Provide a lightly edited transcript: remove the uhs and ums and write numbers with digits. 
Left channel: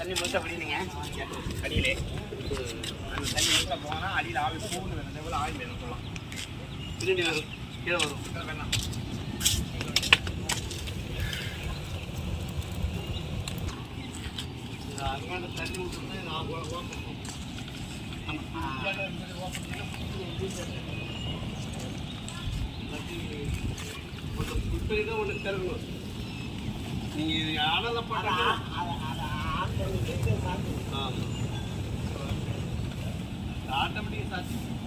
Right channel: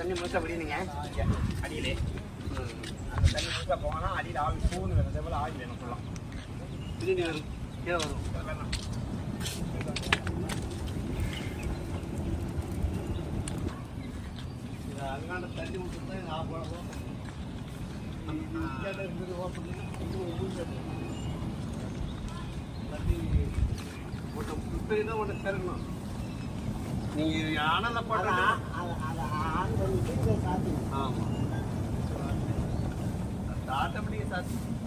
தண்ணி முழுக்க விடுவீங்க அடியிலே அந்த தண்ணி முழுக்க போனால் அடியில் ஆவி பூன்னு வேணும் அதே போல் ஆவி வேணும் சொல்லலாம் திரும்பி வரும் கீழே வரும் வேணாம் அங்கான தண்ணி விட்டுட்டு நான் போல இப்போ ஒன்று தெருங்கணும் நீங்கள் அனலை போட்டால் ஆமாம் ஆட்டோமேட்டிக்காக சாத்தி